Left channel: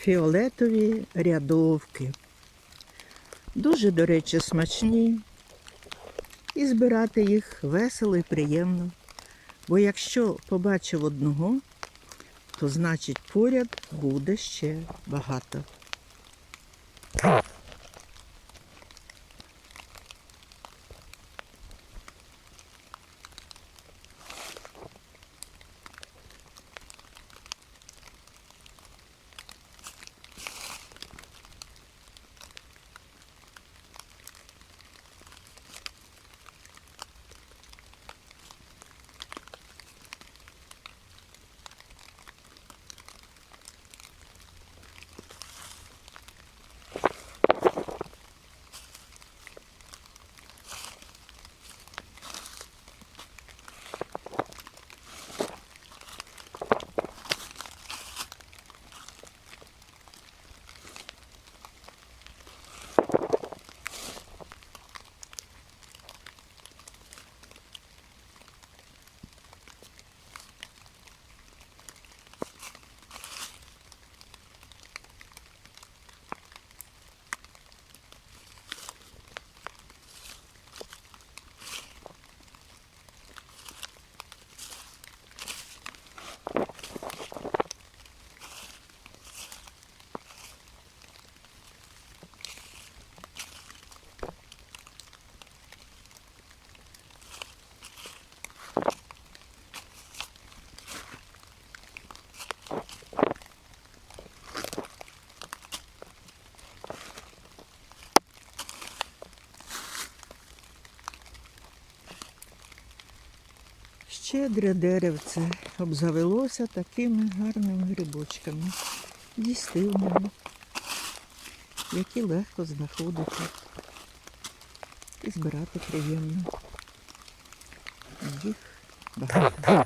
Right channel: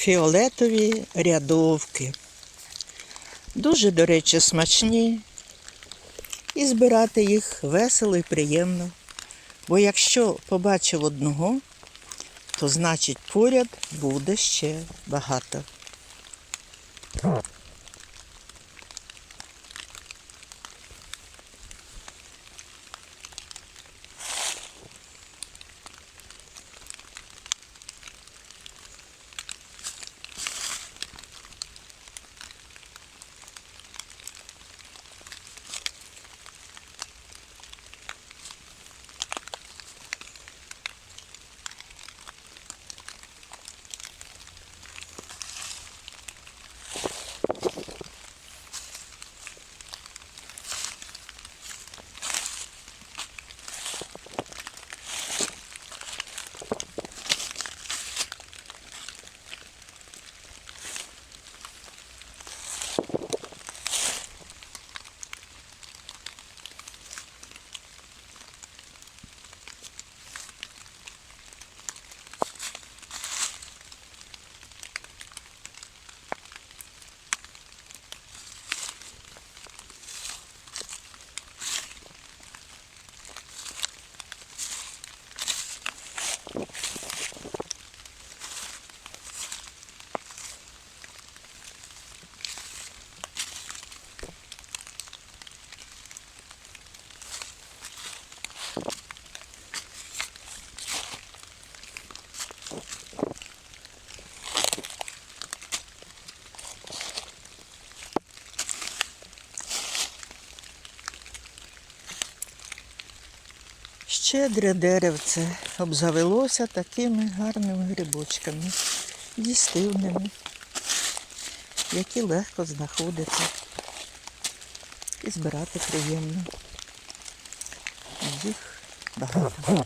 фіолетові рядовки. Дуже, до речі, смачні. І збирати їх весело і приємно. Бо якщо побачив одного, то значить поряд буде ще багато. Щедре деревце обзавелося такими гарними грибочками, дістивними, які легко знаходити і збирати приємно. Їх багато.